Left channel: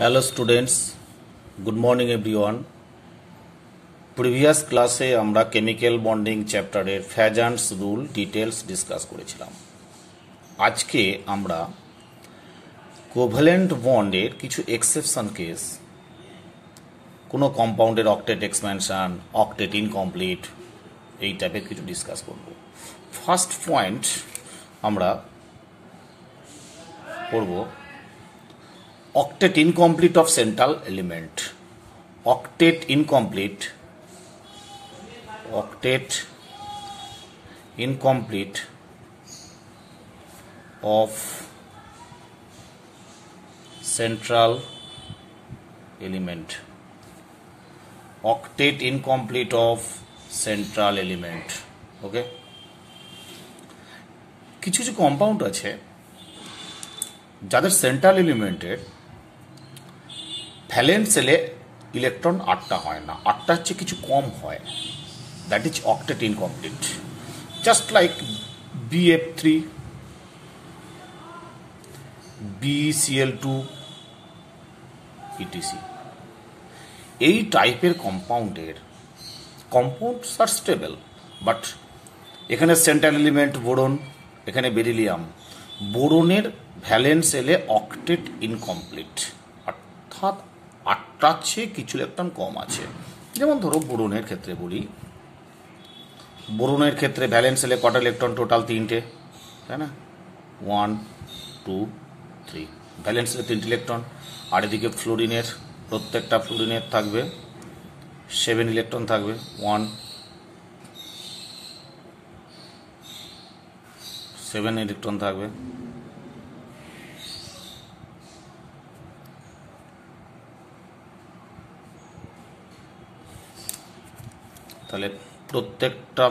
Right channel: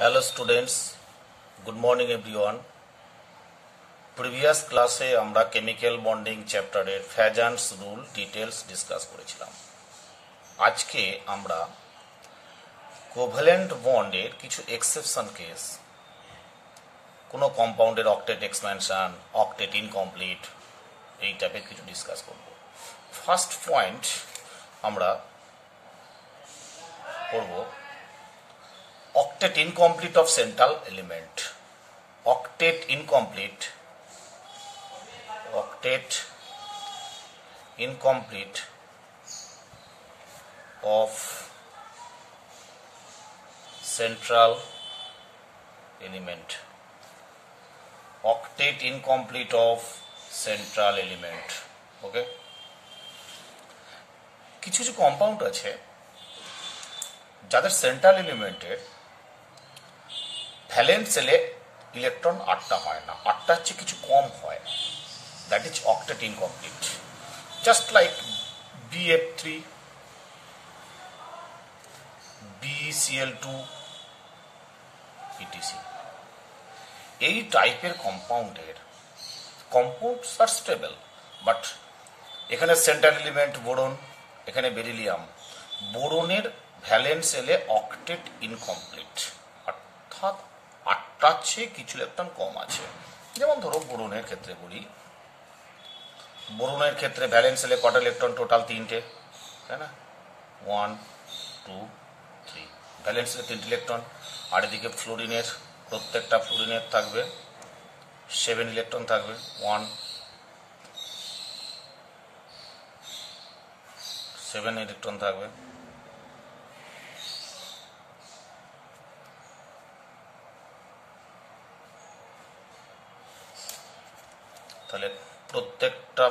Hello students, good morning everyone. Previous ক্লাসে আমরা chemical bonding চ্যাপ্টারের ফ্যাজান্টস রুল ডিটেলস ডিসকাস করেছিলাম। আজকে আমরা কোভ্যালেন্ট বন্ডের কিছু এক্সেপশন কেস, কোনো কম্পাউন্ডের অক্টেট এক্সপ্যানশন, অক্টেট ইনকমপ্লিট, এই টাইপের কিছু ডিসকাস করব। ফার্স্ট পয়েন্ট আমরা করব octet incomplete of central element. Octet incomplete of central element. Octet incomplete of central element. Okay, কিছু কিছু কম্পাউন্ড আছে যাদের সেন্ট্রাল এলিমেন্টের ভ্যালেন্স সেলে ইলেকট্রন 8টা হয় না, 8টা হচ্ছে কিছু কম হয়। That is octet incomplete, just like BF3, BCl2, etc. এই টাইপের কম্পাউন্ডস আর স্টেবল, বাট এখানে সেন্ট্রাল এলিমেন্ট বোরন, এখানে বেরিলিয়াম। বোরনের ভ্যালেন্স সেলে অক্টেট ইনকমপ্লিট, অর্থাৎ 8টার চেয়ে কিছু ইলেকট্রন কম আছে। যেমন ধরো বোরনের ক্ষেত্রে বলি, বোরনের ক্ষেত্রে ভ্যালেন্স সেলে কটা ইলেকট্রন? টোটাল 3টে, তাই না? 1, 2, 3, ভ্যালেন্স সেলে 3টে ইলেকট্রন। আর এদিকে ফ্লোরিনের, প্রত্যেকটা ফ্লোরিনের থাকবে 7 ইলেকট্রন থাকবে, 7 ইলেকট্রন থাকবে। তাহলে প্রত্যেকটা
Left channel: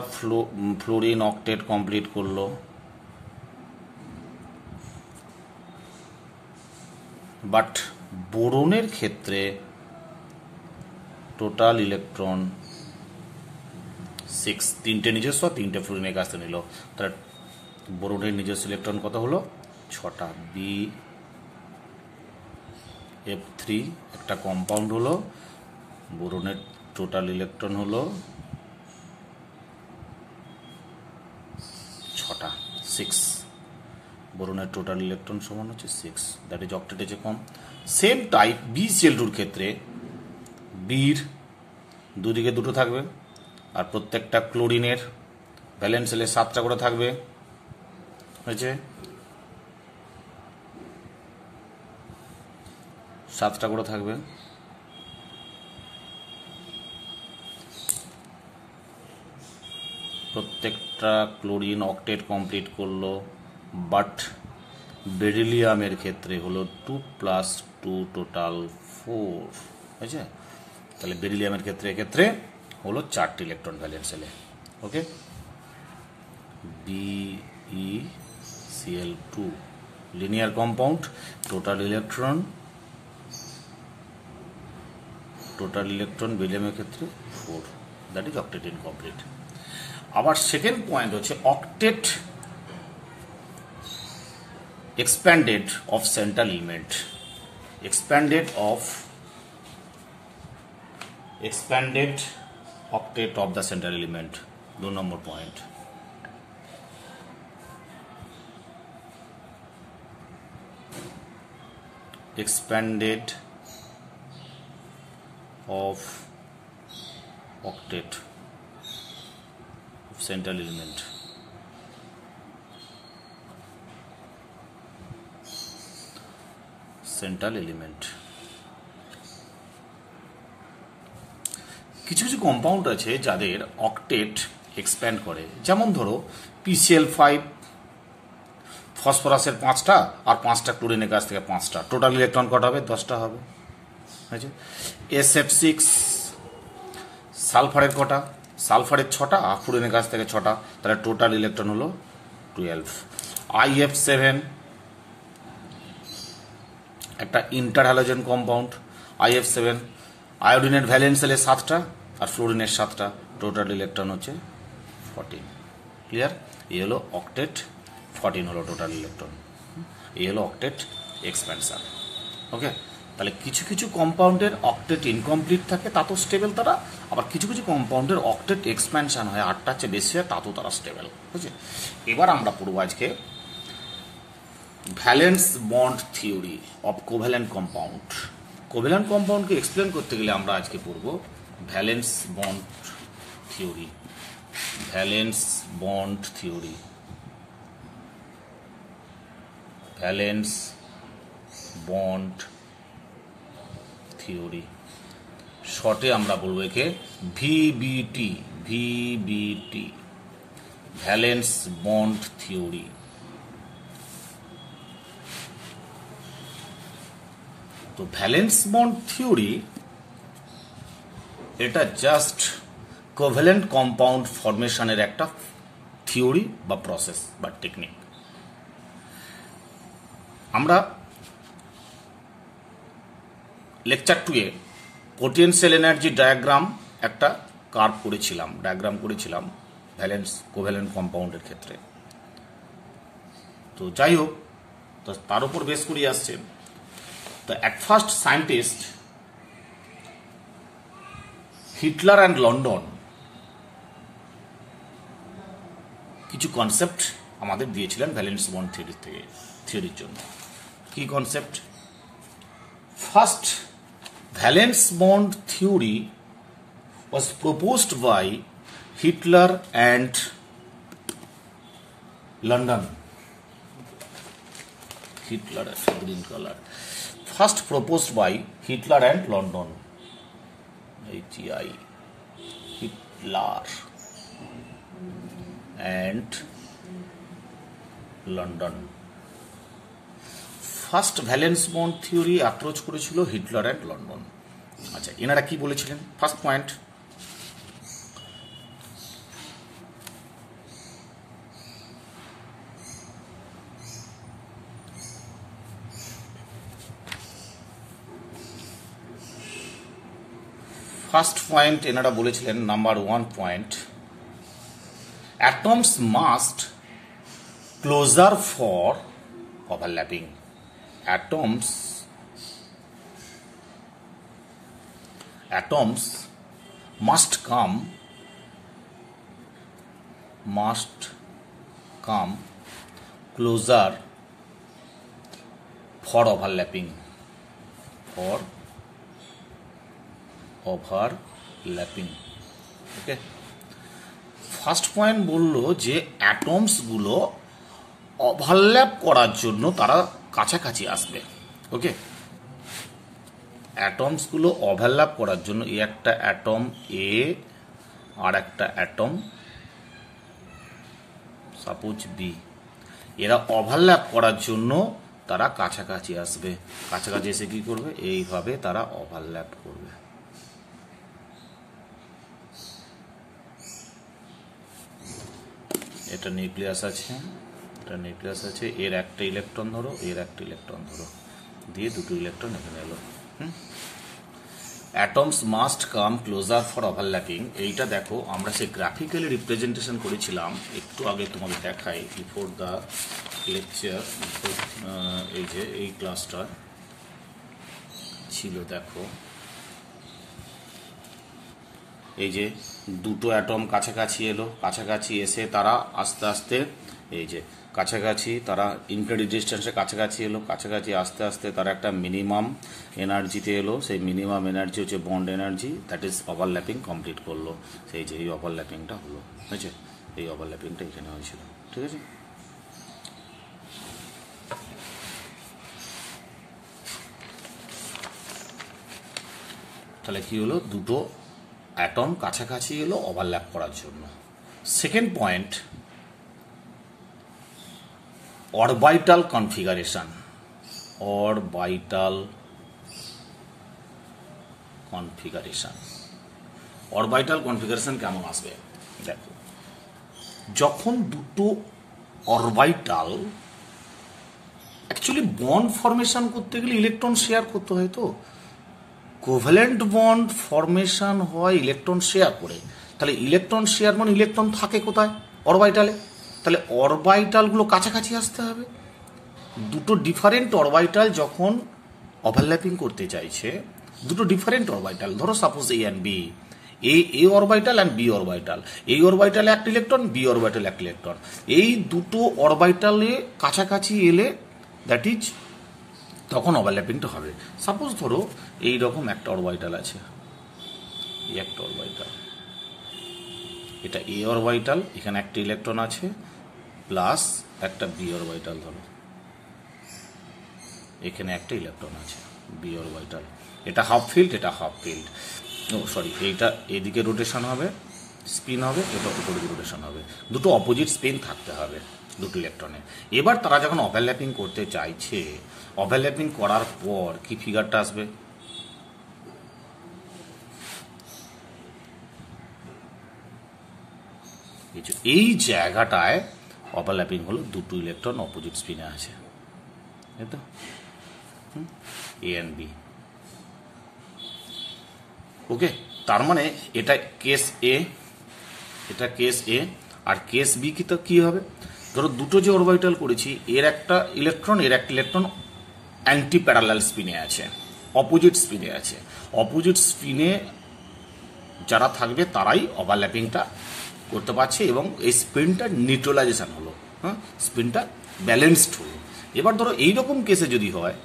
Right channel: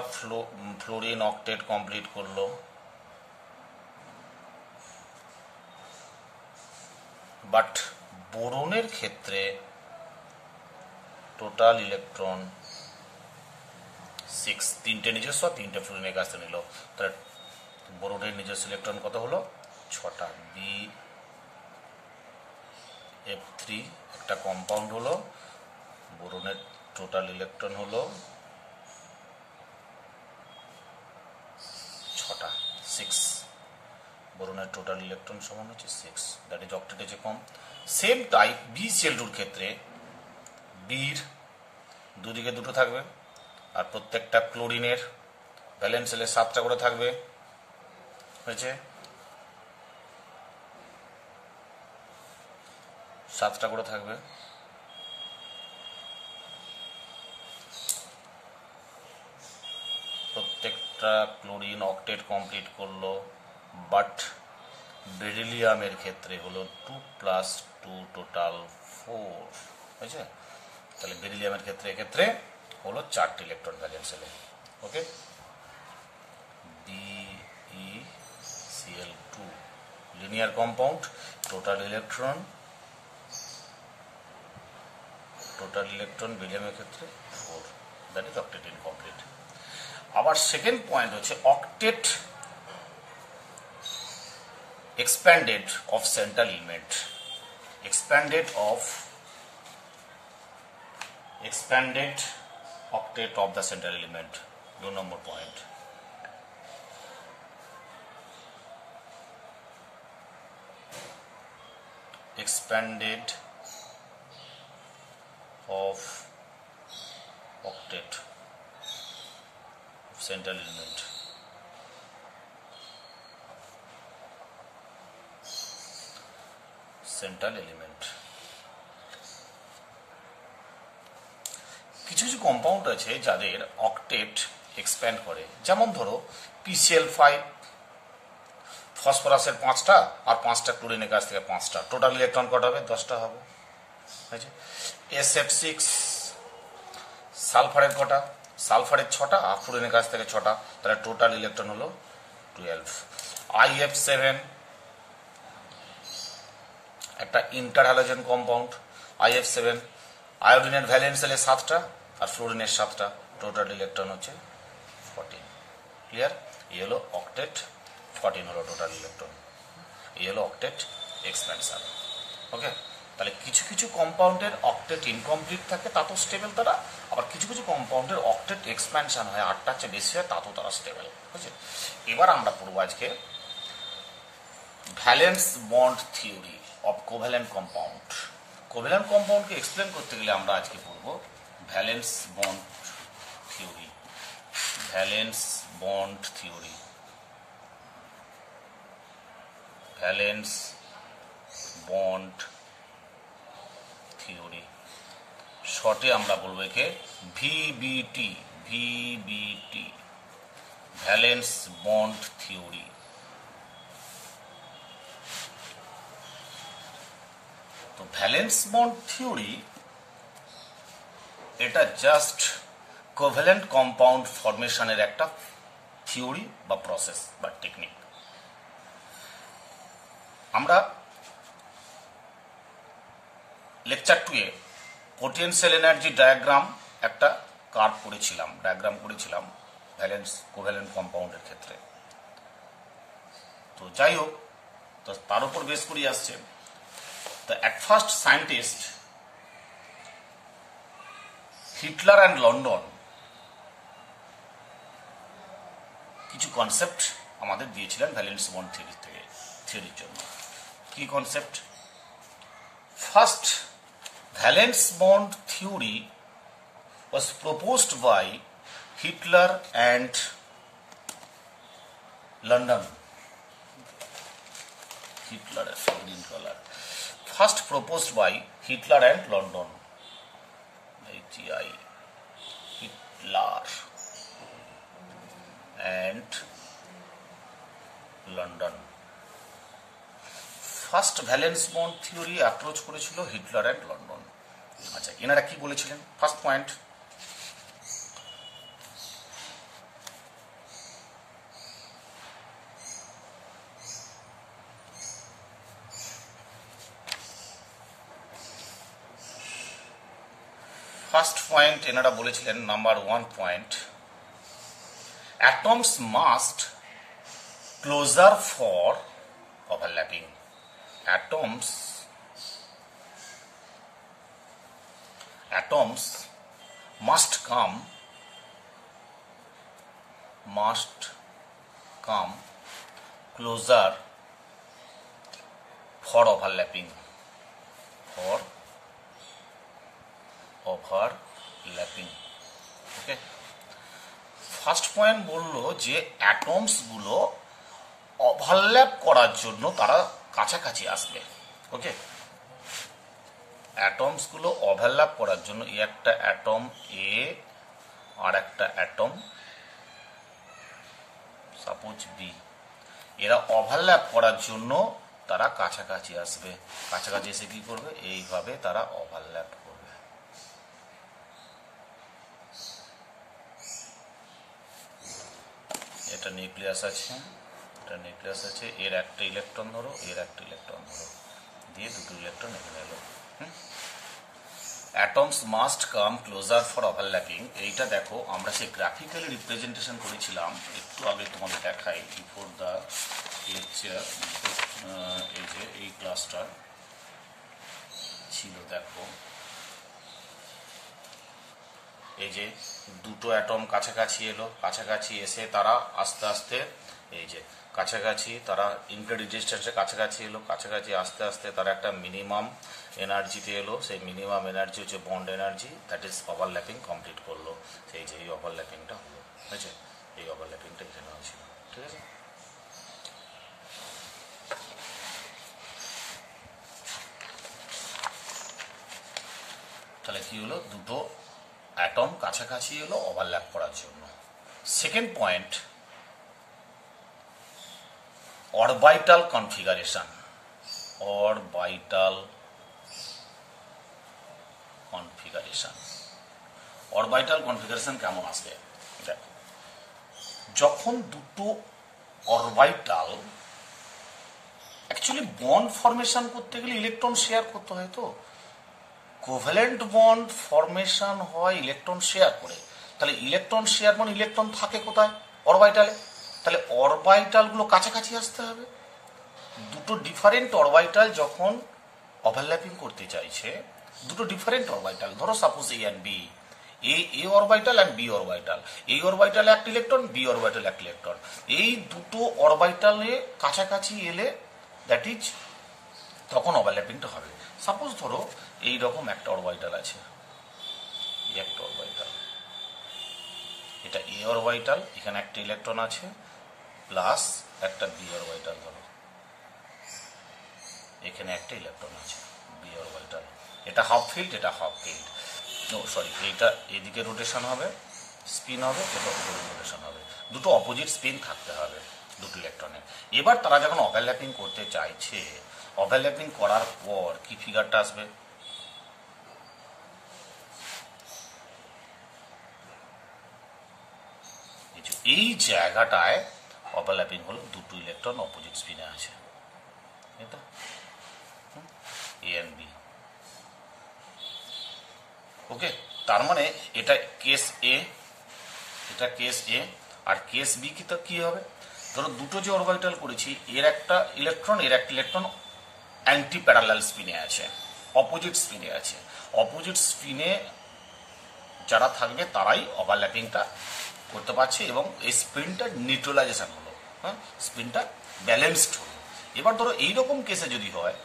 ফ্লোরিন অক্টেট কমপ্লিট করলো, বাট বোরনের ক্ষেত্রে টোটাল ইলেকট্রন 6, 3টে নিজস্ব, 3টে ফ্লোরিনের কাছ থেকে নিল। তাহলে বোরনের নিজস্ব ইলেকট্রন কত হলো? 6টা। BF3 একটা কম্পাউন্ড হলো, বোরনের টোটাল ইলেকট্রন হলো 6টা, 6। বোরনের টোটাল ইলেকট্রন সমান হচ্ছে 6, দ্যাট ইজ অক্টেটে যে কম। সেম টাইপ BCl2 ক্ষেত্রে বির দুদিকে 2টো থাকবে, আর প্রত্যেকটা ক্লোরিনের ভ্যালেন্স সেলে 7টা করে থাকবে, হয়েছে 7টা করে থাকবে। প্রত্যেকটা ক্লোরিন অক্টেট কমপ্লিট করলো, বাট বেরিলিয়ামের ক্ষেত্রে হলো 2 + 2 টোটাল 4, হয়েছে? তাহলে বেরিলিয়ামের ক্ষেত্রে এক্ষেত্রে হলো 4টে ইলেকট্রন ভ্যালেন্স সেলে। Okay, BeCl2 linear compound, total electron বেরিলিয়ামের ক্ষেত্রে 4, দ্যাট ইজ অক্টেট ইনকমপ্লিট। আবার সেকেন্ড পয়েন্ট হচ্ছে octet expanded of central element, expanded octet of the central element, 2 number point. expanded of octet of central element, কিছু কিছু compound আছে যাদের octet expand করে। যেমন ধরো PCl5, ফসফরাসের 5টা আর 5টা ক্লোরিনের কাছ থেকে 5টা, টোটাল ইলেকট্রন কটা হবে? 10টা হবে, হয়েছে। SF6, সালফারের কটা? সালফারের 6টা আর ফ্লোরিনের কাছ থেকে 6টা, তাহলে টোটাল ইলেকট্রন হলো 12। IF7 একটা ইন্টার হ্যালোজেন কম্পাউন্ড, IF7, আয়োডিনের ভ্যালেন্স সেলে 7টা আর ফ্লোরিনের 7টা, টোটাল ইলেকট্রন হচ্ছে 14। ক্লিয়ার? এই হলো অক্টেট, 14 হলো টোটাল ইলেকট্রন। এই হলো অক্টেট এক্সপ্যানশন। ওকে, তাহলে কিছু কিছু কম্পাউন্ডের অক্টেট ইনকমপ্লিট থাকে তা তো স্টেবল তারা, আবার কিছু কিছু কম্পাউন্ডের অক্টেট এক্সপ্যানশন হয়, 8টার চেয়ে বেশি হয়, তা তো তারা স্টেবল। বুঝছে? এবার আমরা পড়বো আজকে valence bond theory of covalent compound. Covalent কম্পাউন্ডকে এক্সপ্লেন করতে গেলে আমরা আজকে পড়বো valence bond theory. Valence bond theory, valence bond theory, শর্টে আমরা বলবো একে VBT. VBT, valence bond theory. তো ভ্যালেন্স বন্ড থিওরি এটা জাস্ট কোভ্যালেন্ট কম্পাউন্ড ফরমেশনের একটা থিওরি বা প্রসেস বা টেকনিক। আমরা লেকচার 2 এ পোটেনশিয়াল এনার্জি ডায়াগ্রাম একটা ডায়াগ্রাম করেছিলাম ভ্যালেন্স কোভ্যালেন্ট কম্পাউন্ডের ক্ষেত্রে। তো যাই হোক, তো তার উপর বেস করে আসছে। তো at first scientist Hitler and London কিছু কনসেপ্ট আমাদের দিয়েছিলেন ভ্যালেন্স বন্ড থিওরির জন্য। কি concept? First, valence bond theory was proposed by Hitler and London. Hitler, green color. First proposed by Hitler and London. Hitler and London. First valence bond theory approach করেছিল Heitler and London. আচ্ছা, এনারা কি বলেছিলেন? First point, এনারা বলেছিলেন number 1 point, atoms must closer for overlapping. Atoms must come closer for overlapping. Okay, first point বললো যে atoms গুলো ওভারল্যাপ করার জন্য তারা কাছাকাছি আসবে। ওকে, অ্যাটমস গুলো ওভারল্যাপ করার জন্য এই একটা অ্যাটম এ আর একটা অ্যাটম সাপোজ বি, এরা ওভারল্যাপ করার জন্য তারা কাছাকাছি আসবে। কাছাকাছি এসে কি করবে? এইভাবে তারা ওভারল্যাপ করবে। এটা নিউক্লিয়াস আছে, এর একটা ইলেকট্রন ধরো, এর একটা ইলেকট্রন ধরো, দিয়ে দুটো ইলেকট্রন এখানে এলো। Atoms must come closer for overlapping. এইটা দেখো আমরা সেই গ্রাফিক্যালি রিপ্রেজেন্টেশন করেছিলাম একটু আগে, তোমাদের দেখাই বিফোর দ্য লেকচার। এই যে এই ক্লাসটা ছিল, দেখো এই যে দুটো অ্যাটম কাছাকাছি এলো, কাছাকাছি এসে তারা আস্তে আস্তে এই যে কাছাকাছি, তারা ইনক্রেডিট ডিস্টেন্সে কাছাকাছি এলো, কাছাকাছি আস্তে আস্তে তারা একটা মিনিমাম এনার্জিতে এলো। সেই মিনিমাম এনার্জি হচ্ছে bond energy, that is overlapping complete করলো। সেই যে এই ওভারল্যাপিংটা হলো, বুঝেছে? এই ওভারল্যাপিংটা এখানে হয়েছিল, ঠিক আছে? তাহলে কি হলো? দুটো অ্যাটম কাছাকাছি এলো ওভারল্যাপ করার জন্য। Second point, orbital configuration. Orbital configuration কেমন আসবে? দেখো, যখন দুটো অরবিটাল অ্যাকচুয়ালি বন্ড ফরমেশন করতে গেলে ইলেকট্রন শেয়ার করতে হয়। তো কোভ্যালেন্ট বন্ড ফরমেশন হয় ইলেকট্রন শেয়ার করে। তাহলে ইলেকট্রন শেয়ার মানে ইলেকট্রন থাকে কোথায়? অরবিটালে। তাহলে অরবিটাল গুলো কাছাকাছি আসতে হবে। দুটো ডিফারেন্ট অরবিটাল যখন ওভারল্যাপিং করতে চাইছে দুটো ডিফারেন্ট অরবিটাল, ধরো suppose A and B, A orbital and B orbital, এই অরবিটালে একটা ইলেকট্রন, বি অরবিটালে একটা ইলেকট্রন, এই দুটো অরবিটালে কাছাকাছি এলে দ্যাট ইজ তখন ওভারল্যাপিংটা হবে। সাপোজ ধরো এই রকম একটা অরবিটাল আছে, একটা অরবিটাল, এটা এ অরবিটাল, এখানে একটা ইলেকট্রন আছে প্লাস একটা বি অরবিটাল, ধরো এখানে একটা ইলেকট্রন আছে বি অরবিটাল, এটা হাফ ফিল্ড, এটা হাফ ফিল্ড, ও সরি, এইটা এদিকে রোটেশন হবে, স্পিন হবে, এটা উপরে রোটেশন হবে, দুটো অপোজিট স্পিন থাকতে হবে দুটো ইলেকট্রনে। এবার তারা যখন ওভারল্যাপিং করতে চাইছে, ওভারল্যাপিং করার পর কি ফিগারটা আসবে, এই জায়গাটায় ওভারল্যাপিং হলো দুটো ইলেকট্রন অপোজিট স্পিনে আছে, তাই তো, এ এন্ড বি। ওকে, তার মানে এটা কেস এ, এটা কেস এ, আর কেস বি কি তো কি হবে, ধরো দুটো যে অরবিটাল করেছি, এর একটা ইলেকট্রন, এর একটা ইলেকট্রন অ্যান্টি প্যারালাল স্পিনে আছে, অপোজিট স্পিনে আছে। অপোজিট স্পিনে যারা থাকবে তারাই ওভারল্যাপিংটা করতে পারছে এবং এই স্পিনটা নিউট্রালাইজেশন হলো, হ্যাঁ, স্পিনটা ব্যালেন্সড হলো। এবার ধরো এইরকম কেসে যদি হয়,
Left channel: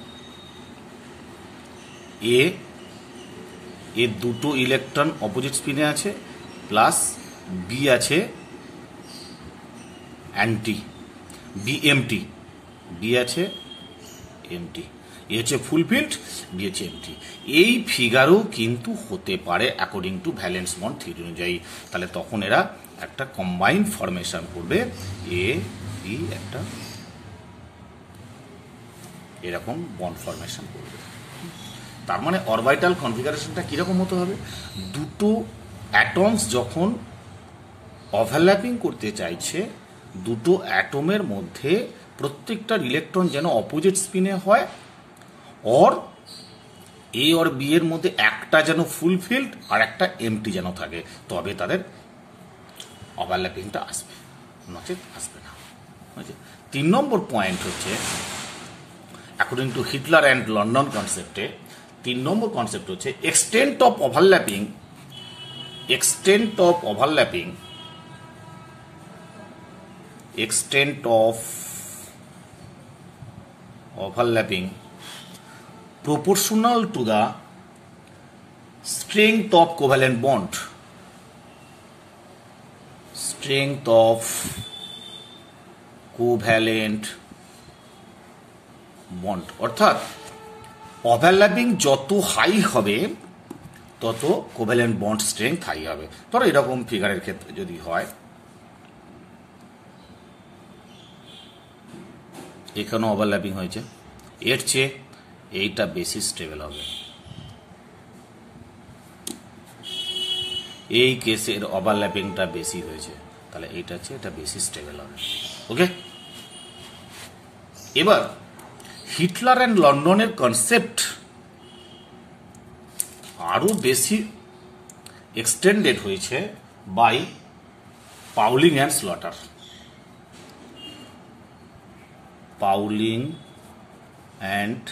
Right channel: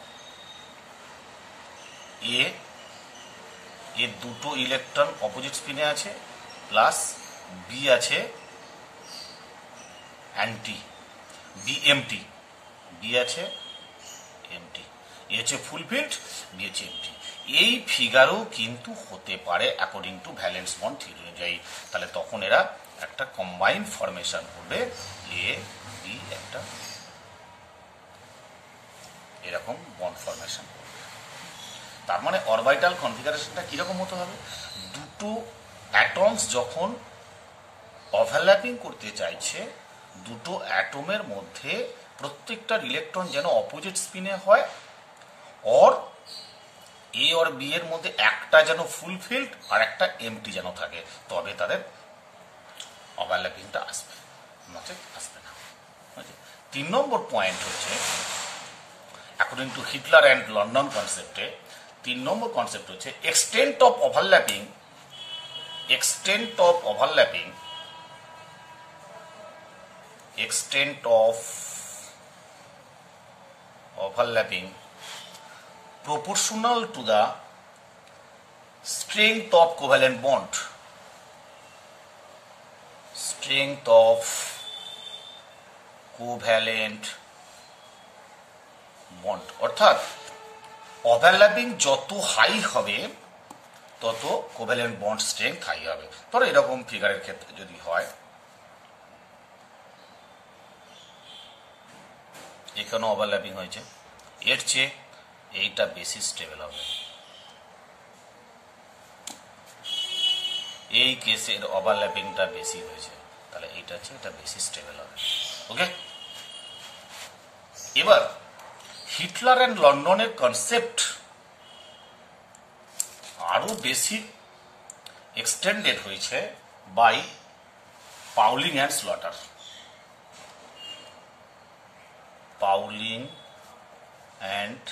এর দুটো ইলেকট্রন অপোজিট স্পিনে আছে প্লাস বি আছে অ্যান্টি, বি এমটি, বি আছে এমটি, এ হচ্ছে ফুলফিল্ড, বি হচ্ছে এমটি। এই ফিগারও কিন্তু হতে পারে according to valence bond theory অনুযায়ী। তাহলে তখন এরা একটা কম্বাইন্ড ফরমেশন করবে, এ বি একটা এরকম বন্ড ফরমেশন করবে। তার মানে অরবিটাল কনফিগারেশনটা কিরকম হতে হবে, দুটো অ্যাটমস যখন ওভারল্যাপিং করতে চাইছে, দুটো অ্যাটমের মধ্যে প্রত্যেকটা ইলেকট্রন যেন অপোজিট স্পিনে হয়, অর এ আর বি এর মধ্যে একটা যেন ফুলফিল্ড আর একটা এমটি যেন থাকে, তবে তাদের ওভারল্যাপিংটা আসবে, নচেত আসবে না। 3 নম্বর পয়েন্ট হচ্ছে, according to Heitler and London কনসেপ্টে 3 নম্বর কনসেপ্ট হচ্ছে extent of overlapping, extent of overlapping proportional to the strength of covalent bond, strength of covalent bond, অর্থাৎ ওভারল্যাপিং যত হাই হবে তত কোভ্যালেন্ট বন্ড স্ট্রেংথ হাই হবে। ধরো এরকম ফিগারের ক্ষেত্রে যদি হয়, এখানে ওভারল্যাপিং হয়েছে, এর চেয়ে এইটা বেশি স্টেবল হবে, এই কেসের ওভারল্যাপিংটা বেশি হয়েছে, তাহলে এইটা হচ্ছে এটা বেশি স্টেবল হবে। ওকে, এবার হিটলার অ্যান্ড লন্ডনের কনসেপ্ট আরো বেশি এক্সটেন্ডেড হয়েছে by Pauling and Slater. Pauling and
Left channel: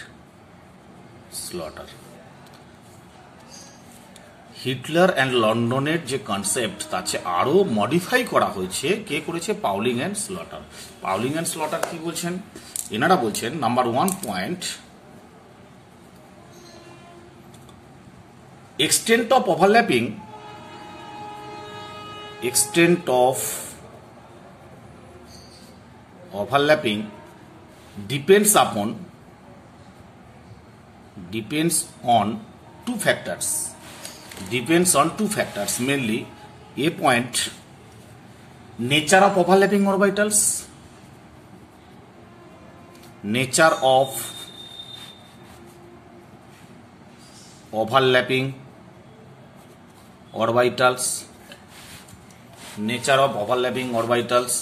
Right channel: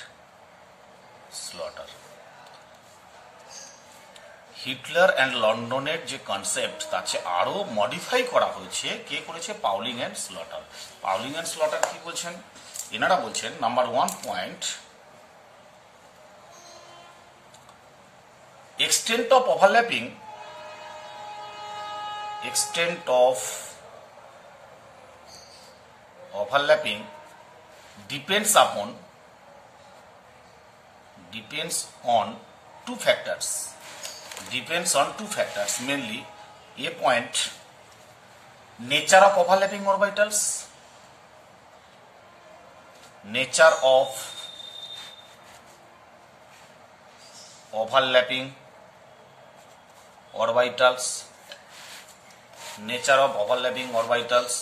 Slater, Heitler and লন্ডনের যে কনসেপ্ট তার চেয়ে আরো মডিফাই করা হয়েছে, কে করেছে, Pauling and Slater. Pauling and slaughter কি বলছেন, এনারা বলছেন number 1 point, extent of overlapping depends on two factors, mainly a point, nature of overlapping orbitals, nature of overlapping orbitals, nature of overlapping orbitals।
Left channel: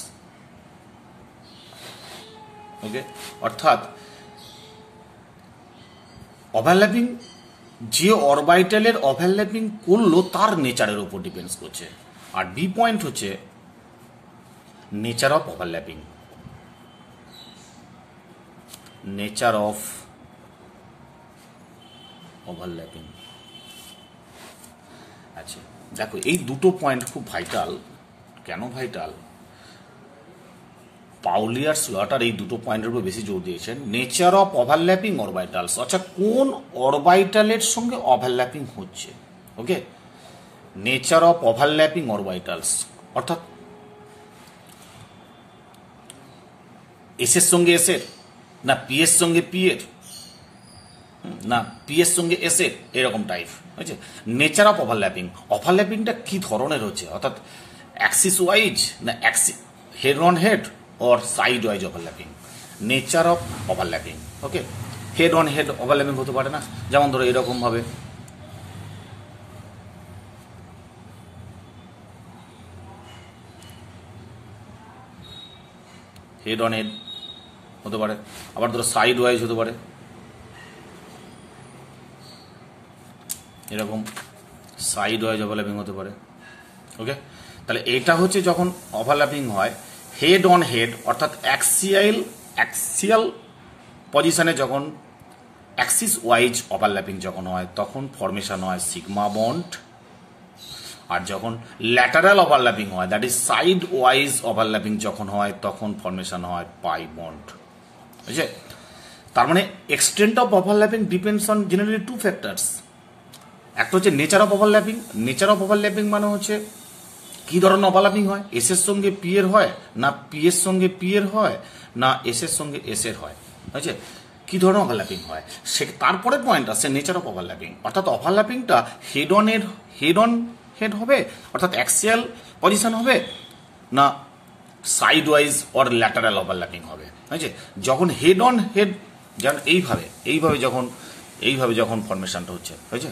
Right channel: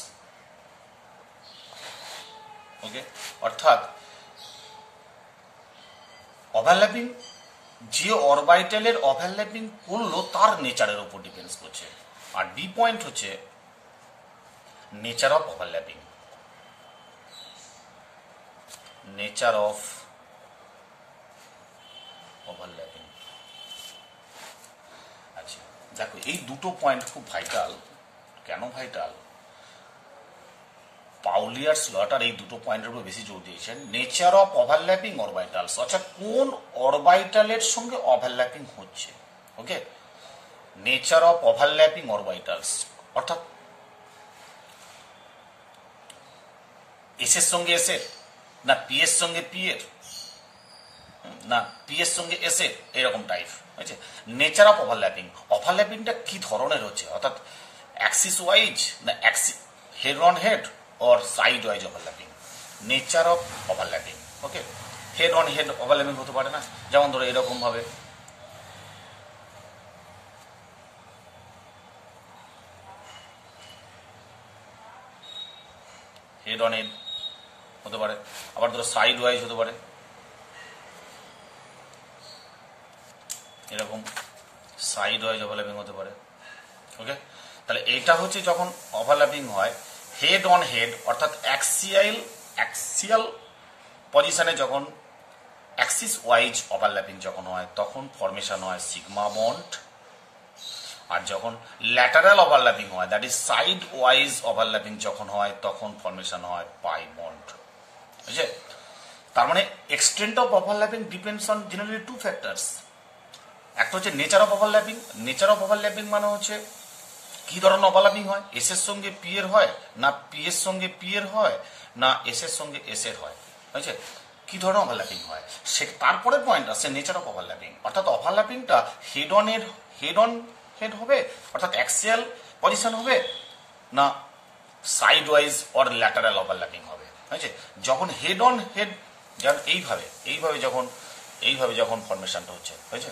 ওকে, অর্থাৎ overlapping যে অরবিটালের overlapping করলো তার নেচারের উপর ডিপেন্ডস করছে। আর বি পয়েন্ট হচ্ছে nature of overlapping, nature of overlapping. আচ্ছা দেখো, এই দুটো পয়েন্ট খুব ভাইটাল। কেন ভাইটাল? পাউলি আর স্লটার এই দুটো পয়েন্টের উপর বেশি জোর দিয়েছেন। নেচার অফ ওভারল্যাপিং অরবাইটালস, অর্থাৎ কোন অরবাইটালের সঙ্গে ওভারল্যাপিং হচ্ছে। ওকে, নেচার অফ ওভারল্যাপিং অরবাইটালস, অর্থাৎ এস এর সঙ্গে এস এর, না পি এর সঙ্গে পি এর, না পি এর সঙ্গে এস এর, এরকম টাইপ। বুঝছে? নেচার অফ ওভারল্যাপিং, ওভারল্যাপিংটা কি ধরনের হচ্ছে, অর্থাৎ অ্যাক্সিস ওয়াইজ না head on head or side wise overlapping, nature of overlapping. Okay, head on head overlapping হতে পারে না, যেমন ধরো এরকম ভাবে হেড অন হেড হতে পারে, আবার ধরো সাইড ওয়াইজ হতে পারে, এরকম সাইড ওয়াইজ ওভারল্যাপিং হতে পারে। ওকে, তাহলে এটা হচ্ছে যখন ওভারল্যাপিং হয় হেড অন হেড, অর্থাৎ অ্যাক্সিয়াল পজিশনে যখন অ্যাক্সিস ওয়াইজ ওভারল্যাপিং যখন হয় তখন ফরমেশন হয় সিগমা বন্ড, আর যখন ল্যাটারাল ওভারল্যাপিং হয়, that is side wise overlapping যখন হয় তখন ফরমেশন হয় পাই বন্ড। বুঝছে? তার মানে extent of overlapping depends on generally two factors. একটা হচ্ছে nature of overlapping. Nature of overlapping মানে হচ্ছে কি ধরনের ওভারল্যাপিং হয়, এস এর সঙ্গে পি এর হয়, না পি এর সঙ্গে পি এর হয়, না এস এর সঙ্গে এস এর হয়। বুঝছে? কি ধরনের ওভারল্যাপিং হয়, সে তারপরে পয়েন্ট আছে নেচার অফ ওভারল্যাপিং, অর্থাৎ ওভারল্যাপিংটা হেড অন হেড হবে, অর্থাৎ অ্যাক্সিয়াল পজিশন হবে, না side wise or lateral overlapping হবে। বুঝছে? যখন হেড অন হেড, যেমন এইভাবে যখন ফরমেশনটা হচ্ছে, বুঝছে,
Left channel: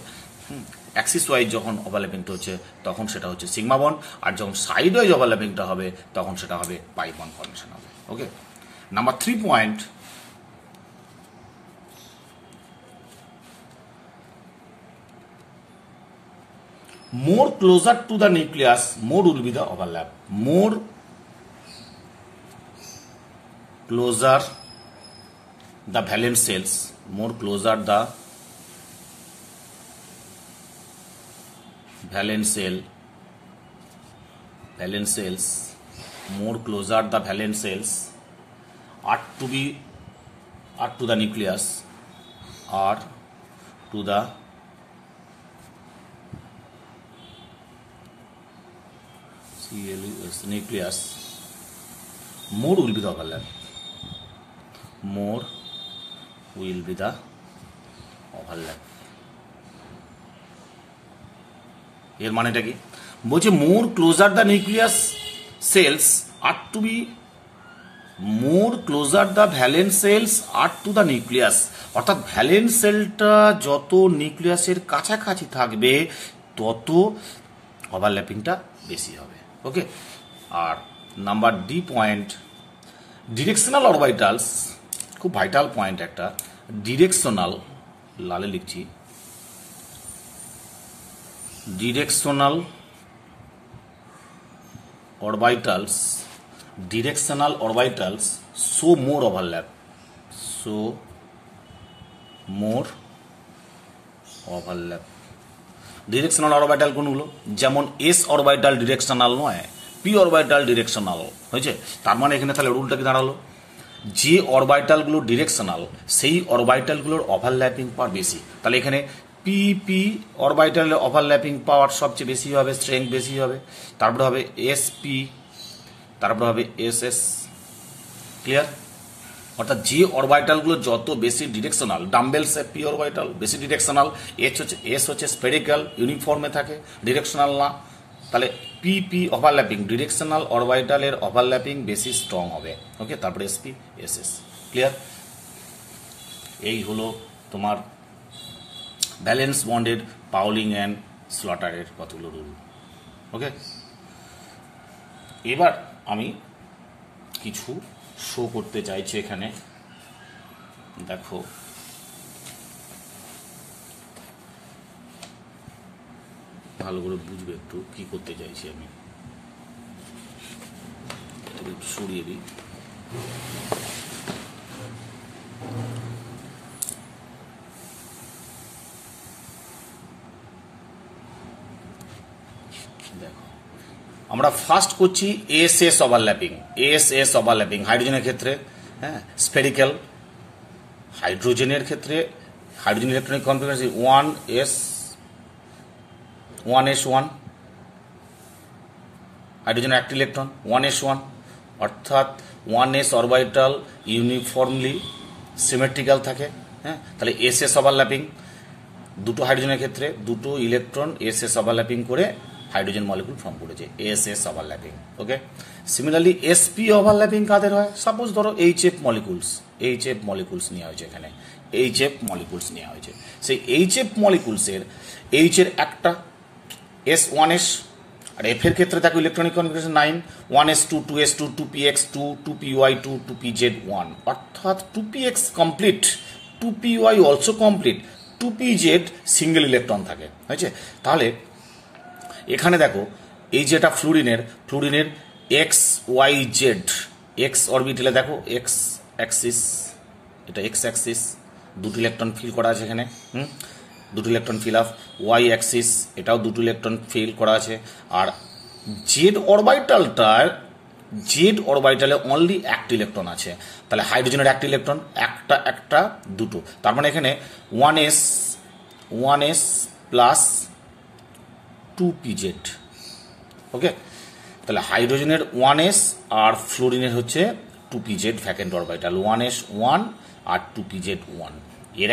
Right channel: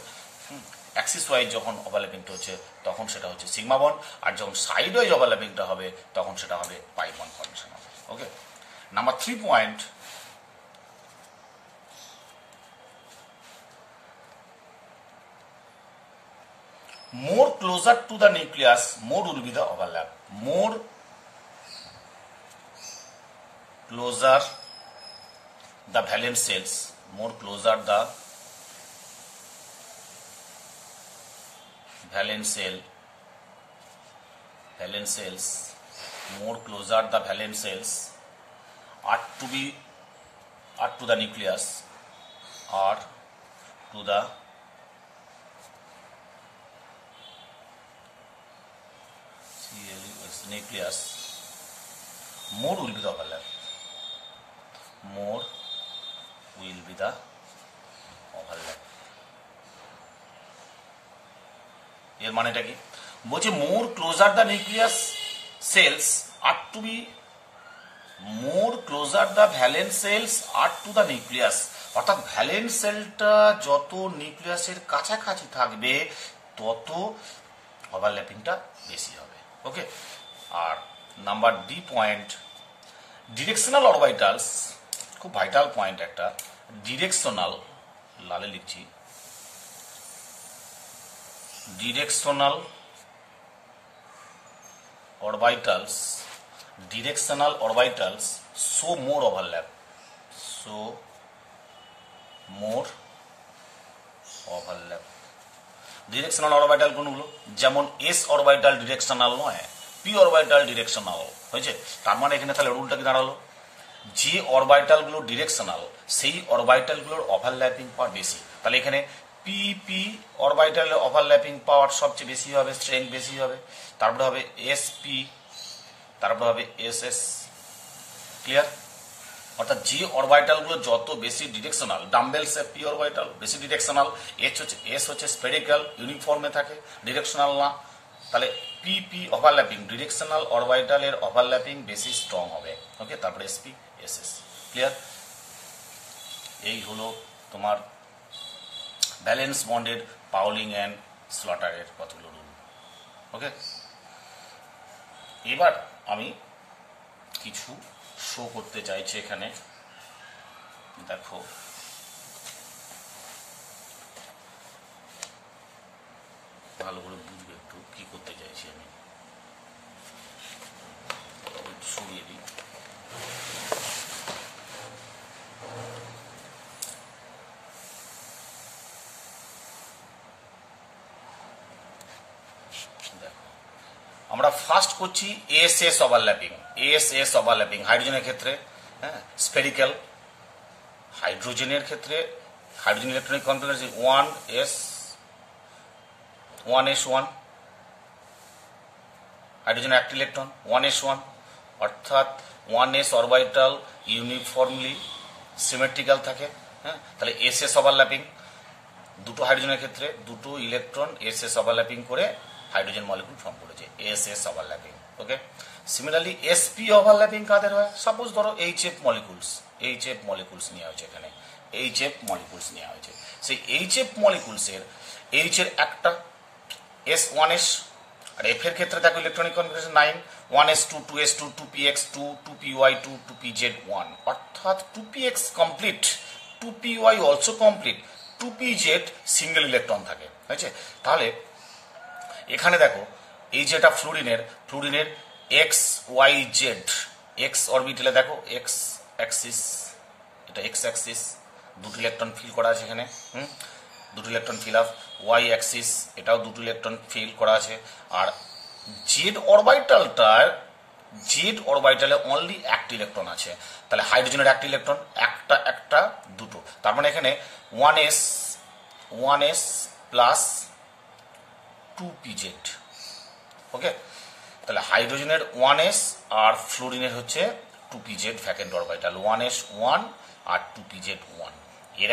অ্যাক্সিস ওয়াইজ যখন ওভারল্যাপিংটা হচ্ছে তখন সেটা হচ্ছে সিগমা বন্ড, আর যখন সাইড ওয়াইজ ওভারল্যাপিংটা হবে তখন সেটা হবে পাই বন্ড ফরমেশন হবে। Okay, number 3 point, more closer to the nucleus, more will be the overlap. More closer the valence cells, more closer the valence cells, more closer the valence cells are to the nucleus, are to the nucleus, more will be the overlap. More will be the overlap. এর মানেটা কি? বলছে more closer the nucleus shells are to be, more closer the valence shells are to the nucleus, অর্থাৎ valence সেলটা যত নিউক্লিয়াসের কাছাকাছি থাকবে তত ওভারল্যাপিংটা বেশি হবে। ওকে, আর number D point, directional orbitals, খুব ভাইটাল পয়েন্ট একটা। ডিরেকশনাল, লালে লিখছি, directional orbitals, directional orbitals show more overlap, show more overlap. Directional orbital কোনগুলো? যেমন এস অরবাইটাল ডিরেকশনাল নয়, পি অরবাইটাল ডিরেকশনাল। হয়েছে? তার মানে এখানে তাহলে রুলটা কি দাঁড়ালো, যে অরবাইটালগুলো ডিরেকশনাল সেই অরবাইটালগুলোর ওভারল্যাপিং পাওয়ার বেশি। তাহলে এখানে পি পি অরবাইটালের ওভারল্যাপিং পাওয়ার সবচেয়ে বেশি হবে, স্ট্রেংথ বেশি হবে। তারপরে হবে এস পি, তারপরে হবে এস এস। ক্লিয়ার? অর্থাৎ যে অরবাইটালগুলো যত বেশি ডিরেকশনাল, ডাম্বেলস পি অরবাইটাল বেশি ডিরেকশনাল, এস হচ্ছে স্পেরিক্যাল ইউনিফর্মে থাকে, ডিরেকশনাল না। তাহলে পি পি ওভারল্যাপিং, ডিরেকশনাল অরবাইটালের ওভারল্যাপিং বেশি স্ট্রং হবে। ওকে, তারপরে S P S S. Clear? এই হলো তোমার ভ্যালেন্স বন্ডের পাউলিং অ্যান্ড স্লটারের কতগুলো রুল। ওকে, এবার আমি কিছু শো করতে চাইছি এখানে। দেখো, ভালো করে বুঝবে একটু কি করতে চাইছি আমি। সরিয়ে দিই। আমরা ফার্স্ট করছি S S overlapping. S S overlapping হাইড্রোজেনের ক্ষেত্রে, হ্যাঁ, স্ফেরিক্যাল। হাইড্রোজেনের ক্ষেত্রে হাইড্রোজেন ইলেকট্রনিক কনফিগারেশন 1s1, হাইড্রোজেনের একটা ইলেকট্রন 1s1, অর্থাৎ 1s অরবিটাল ইউনিফর্মলি সিমেট্রিক্যাল থাকে, হ্যাঁ। তাহলে এস এস ওভারল্যাপিং, দুটো হাইড্রোজেনের ক্ষেত্রে দুটো ইলেকট্রন এস এস ওভারল্যাপিং করে হাইড্রোজেন মলিকুল ফর্ম করেছে, এস এস ওভারল্যাপিং। ওকে, সিমিলারলি এসপি ওভারল্যাপিং কাদের হয়? সাপোজ ধরো এইচএফ মলিকুলস নেওয়া হয়েছে, এখানে এইচএফ মলিকুলস নেওয়া হয়েছে। সেই এইচএফ মলিকুলসের এইচ এর একটা S1s, আর এফ এর ক্ষেত্রে থাকে electronic configuration 9, 1s2, 2s2, 2px2, 2py2, 2pz1, অর্থাৎ 2px complete, 2py also complete, 2pz single electron থাকে, হয়েছে। তাহলে এখানে দেখো এই যেটা ফ্লুরিনের এক্স ওয়াই জেড, এক্স অরবিটালে দেখো এক্স অ্যাক্সিস, এটা এক্স অ্যাক্সিস, দুটো ইলেকট্রন ফিল করা আছে এখানে, দুটো electron fill up. Y axis, এটাও দুটো ইলেকট্রন ফিল করা আছে। আর জেড অরবিটালে অনলি একটা ইলেকট্রন আছে। তাহলে হাইড্রোজেনের একটা ইলেকট্রন, একটা দুটো, তার মানে এখানে 1s প্লাস 2pz। ওকে, তাহলে হাইড্রোজেনের 1s আর ফ্লোরিনের হচ্ছে 2pz ভ্যাকেন্ট অরবিটাল, 1s1 আর 2pz1, এর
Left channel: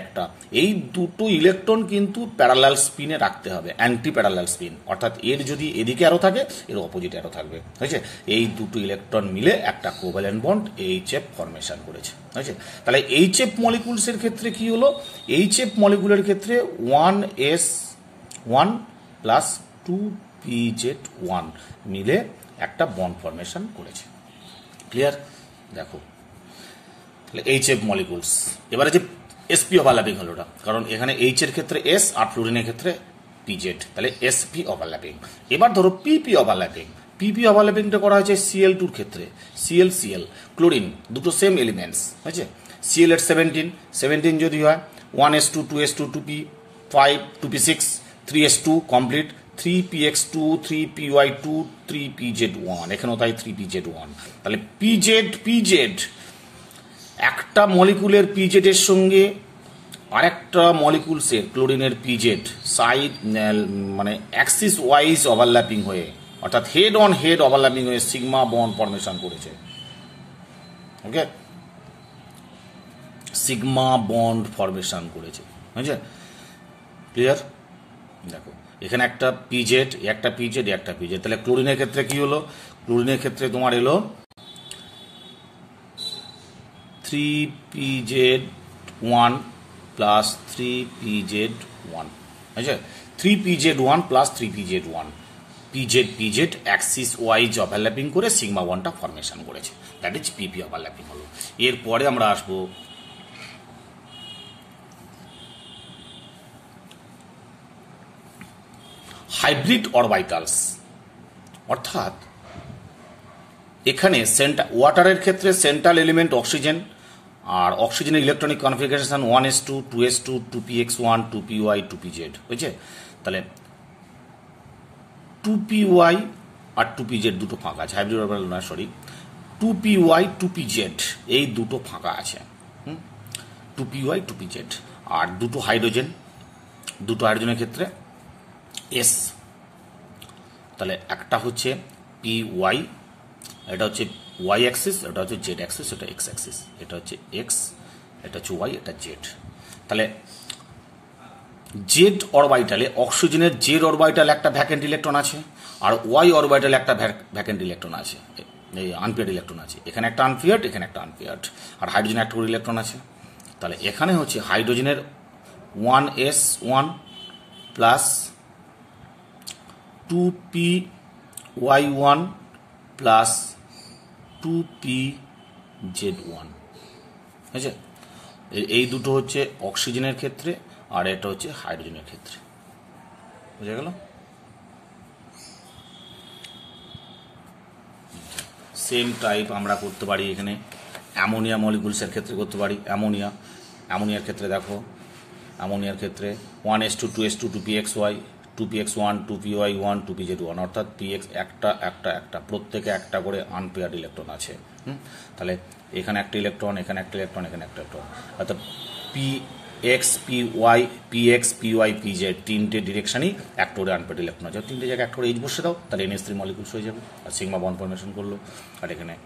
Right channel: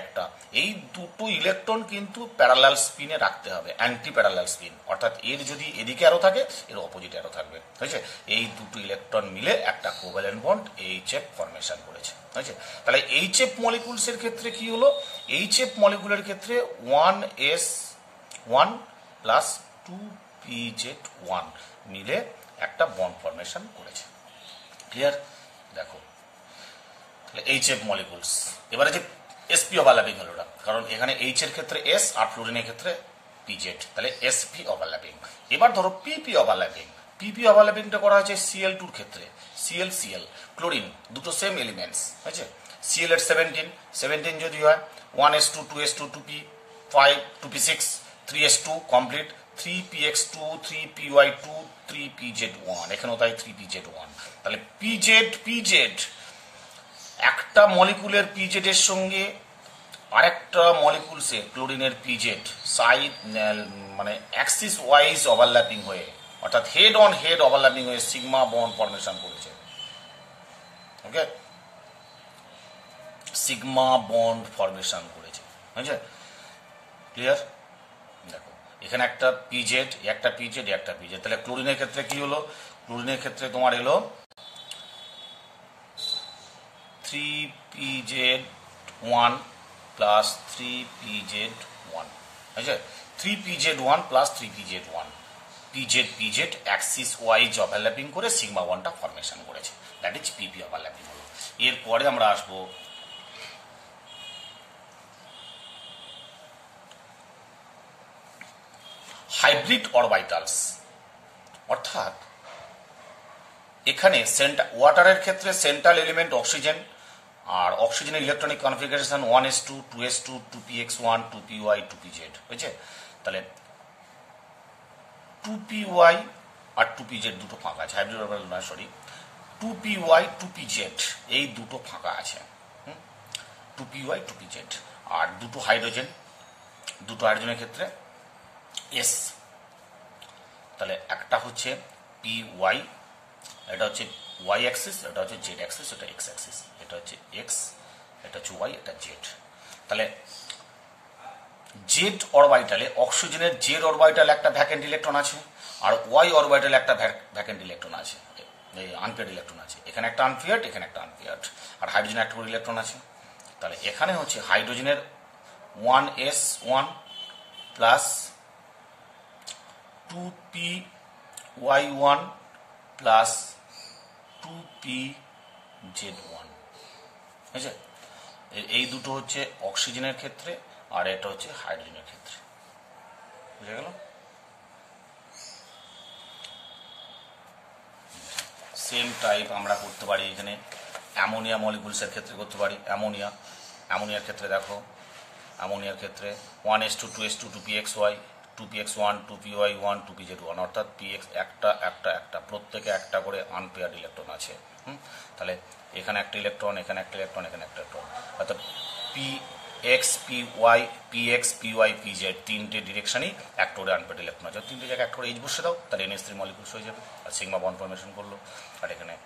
একটা। এই দুটো ইলেকট্রন কিন্তু প্যারালাল স্পিনে রাখতে হবে, অ্যান্টি প্যারালাল স্পিন, অর্থাৎ এর যদি এদিকে আরো থাকে এর অপোজিট আরো থাকবে, হয়েছে। এই দুটো ইলেকট্রন মিলে একটা কোভ্যালেন্ট বন্ড এইচএফ ফরমেশন করেছে, হয়েছে। তাহলে এইচএফ মলিকুলসের ক্ষেত্রে কি হলো? এইচএফ মলিকুলের ক্ষেত্রে 1s1 প্লাস 2pz1 মিলে একটা বন্ড ফরমেশন করেছে। ক্লিয়ার? দেখো তাহলে এইচএফ মলিকুলস। এবারে যে এসপি ওভারল্যাপিং হলো ওটা, কারণ এখানে এইচ এর ক্ষেত্রে এস আর ফ্লুরিনের ক্ষেত্রে পিজেড, তাহলে এসপি ওভারল্যাপিং। এবার ধরো পিপি ওভারল্যাপিং। পিপি ওভারল্যাপিংটা করা হয়েছে Cl2 ক্ষেত্রে, Cl ক্লোরিন, দুটো সেম এলিমেন্টস, হয়েছে। Cl এর 17 যদি হয়, 1s2, 2s2, 2p5, 2p6, 3s2 complete, 3px2, 3py2, 3pz1, এখানেও তাই 3pz1। তাহলে পিজেড একটা মলিকুলের পিজেড এর সঙ্গে আরেকটা মলিকুলসের ক্লোরিনের পিজেড সাইড মানে অ্যাক্সিস ওয়াইজ ওভারল্যাপিং হয়ে, অর্থাৎ হেড অন হেড ওভারল্যাপিং হয়ে সিগমা বন্ড ফরমেশন করেছে। ওকে, সিগমা বন্ড ফরমেশন করেছে, বুঝছে? ক্লিয়ার? দেখো এখানে একটা পিজেড, একটা পিজেড, তাহলে ক্লোরিনের ক্ষেত্রে কি হলো? ক্লোরিনের ক্ষেত্রে তোমার এলো 3pz1 প্লাস 3pz1, বুঝছে? 3pz1 plus 3pz1, PZ Axis wise overlapping করে সিগমা ওয়ানটা ফরমেশন করেছে, দ্যাট ইজ পিপি ওভারল্যাপিং হলো। এরপরে আমরা আসবো হাইব্রিড অরবিটালস, অর্থাৎ এখানে ওয়াটারের ক্ষেত্রে সেন্ট্রাল এলিমেন্ট অক্সিজেন, আর অক্সিজেনের electronic configuration 1s2, 2s2, 2px1, 2py, 2pz, বুঝছে? তাহলে 2py আর 2pz দুটো ফাঁকা আছে, হাইব্রিড অরবিটাল না, সরি, 2py 2pz এই দুটো ফাঁকা আছে, 2py 2pz। আর দুটো হাইড্রোজেনের ক্ষেত্রে এস, তাহলে একটা হচ্ছে পি ওয়াই, এটা হচ্ছে ওয়াই অ্যাক্সিস, এটা হচ্ছে জেড অ্যাক্সিস, এটা এক্স অ্যাক্সিস, এটা হচ্ছে এক্স, এটা হচ্ছে ওয়াই, এটা জেড। তাহলে জেড অরবিটালে অক্সিজেনের জেড অরবিটালে একটা ভ্যাকেন্ট ইলেকট্রন আছে, আর ওয়াই অরবিটালে একটা ভ্যাকেন্ট ইলেকট্রন আছে, এই আনপেয়ার্ড ইলেকট্রন আছে, এখানে একটা আনপেয়ার্ড, এখানে একটা আনপেয়ার্ড, আর হাইড্রোজেনের একটা করে ইলেকট্রন আছে। তাহলে এখানে হচ্ছে হাইড্রোজেনের 1s1 plus 2py1 plus 2pz1, বুঝছে? এই দুটো হচ্ছে অক্সিজেনের ক্ষেত্রে, আর এটা হচ্ছে হাইড্রোজেনের ক্ষেত্রে, বুঝে গেল? সেম টাইপ আমরা করতে পারি এখানে অ্যামোনিয়া মলিকুলসের ক্ষেত্রে করতে পারি। অ্যামোনিয়ার ক্ষেত্রে দেখো, অ্যামোনিয়ার ক্ষেত্রে 1s2, 2s2, 2pxy, 2px1 2py1 2pz1 অর্থাৎ px একটা একটা একটা প্রত্যেকে একটা করে আনপেয়ার্ড ইলেকট্রন আছে। তাহলে এখানে একটা ইলেকট্রন, এখানে একটা ইলেকট্রন, এখানে একটা ইলেকট্রন, অর্থাৎ px py px py pz তিনটে ডিরেকশনই একটা করে আনপেয়ার্ড ইলেকট্রন আছে। তিনটে জায়গায় একটা করে এইচ বসে দাও, তাহলে NH3 মলিকুলস হয়ে যাবে আর সিগমা বন্ড ফরমেশন করলো। আর এখানে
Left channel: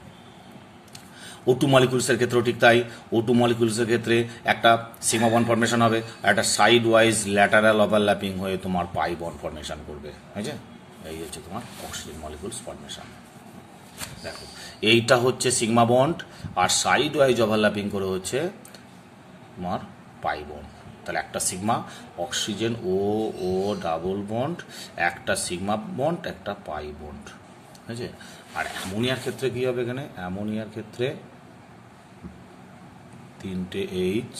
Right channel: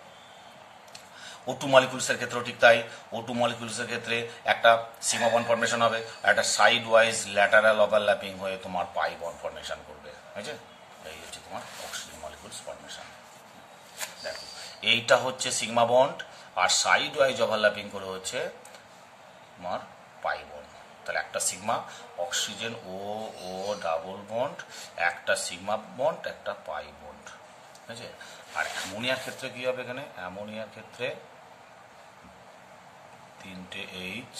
O2 মলিকুলসের ক্ষেত্রেও ঠিক তাই। O2 মলিকুলসের ক্ষেত্রে একটা সিগমা বন্ড ফরমেশন হবে আর একটা সাইড ওয়াইজ ল্যাটারাল ওভারল্যাপিং হয়ে তোমার পাই বন্ড ফরমেশন করবে। বুঝছে? এই হচ্ছে তোমার অক্সিজেন মলিকুলস ফরমেশন। দেখো এইটা হচ্ছে সিগমা বন্ড আর সাইড ওয়াইজ ওভারল্যাপিং করে হচ্ছে তোমার পাই বন্ড। তাহলে একটা সিগমা অক্সিজেন ও ও ডাবল বন্ড, একটা সিগমা বন্ড, একটা পাই বন্ড। ঠিক আছে? আর অ্যামোনিয়ার ক্ষেত্রে কি হবে? এখানে অ্যামোনিয়ার ক্ষেত্রে তিনটে এইচ,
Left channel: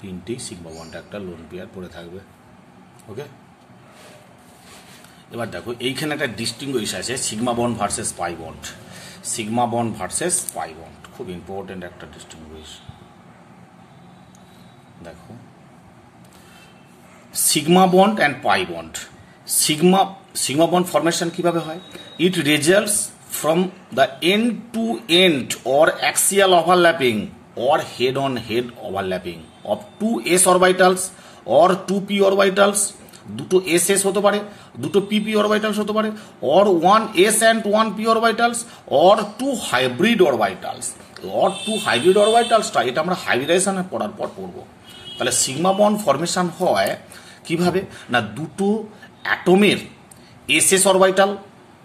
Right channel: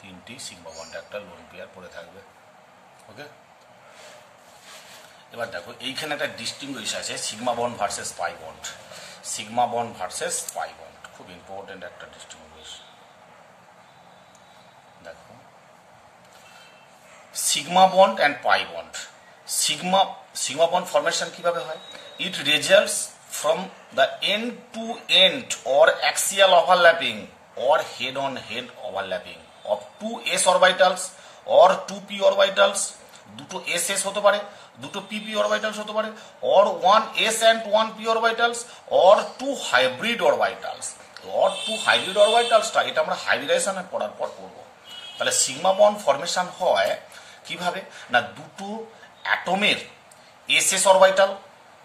তিনটি সিগমা বন্ড, একটা লোন পেয়ার পড়ে থাকবে। ওকে, এবার দেখো এইখানে একটা ডিস্টিংগুইশ আছে sigma bond versus pi bond. Sigma bond versus pi bond খুব ইম্পর্টেন্ট একটা ডিস্টিংগুইশ। দেখো sigma bond and pi bond. Sigma bond formation কিভাবে হয়? ইট results from the end to end or axial overlapping or head on head overlapping of two s orbitals or two p orbitals, দুটো ss হতে পারে, দুটো pp orbitals হতে পারে, or one s and one p orbitals or two hybrid orbitals or two hybrid orbitals টা এটা আমরা hybridization পড়ার পর পড়বো। তাহলে সিগমা বন্ড ফরমেশন হয় কিভাবে না, দুটো অ্যাটমের ss orbital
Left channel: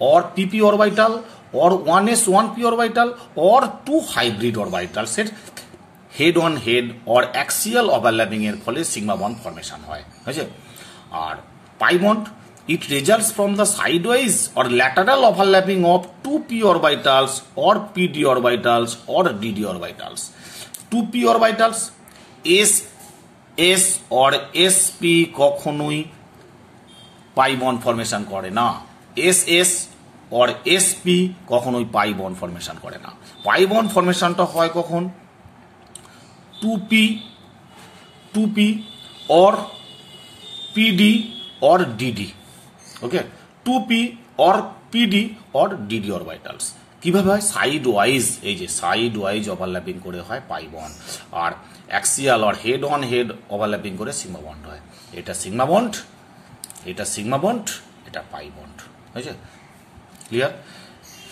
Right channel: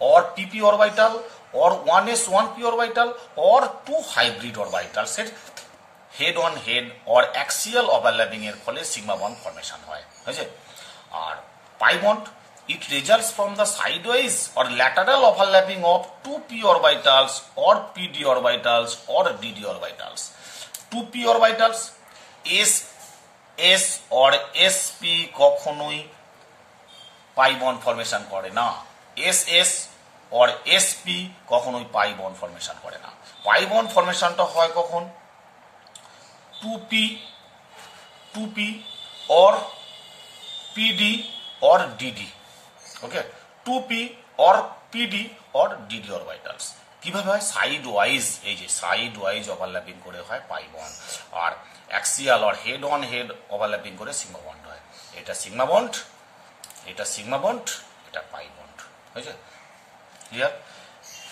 or pp orbital or 1s 1p orbital or two hybrid orbitals এর head on head or axial overlapping এর ফলে সিগমা বন্ড ফরমেশন হয়। বুঝছে? আর pi bond it results from the sidewise or lateral overlapping of two p orbitals or pd orbitals or dd orbitals. Two p orbitals s or sp কখনোই পাই bond formation করে না। ss or sp কখনোই পাই bond formation করে না। Pi bond ফরমেশনটা হয় কখন? 2p or pd or dd। Okay, 2p or pd or dd orbitals কিভাবে হয়? সাইড ওয়াইজ, এই যে সাইড ওয়াইজ ওভারল্যাপিং করে হয় পাই বন্ড, আর অ্যাক্সিয়াল আর হেড অন হেড ওভারল্যাপিং করে সিগমা বন্ড হয়। এটা সিগমা বন্ড, এটা সিগমা বন্ড, এটা পাই বন্ড। বুঝছে? ক্লিয়ার?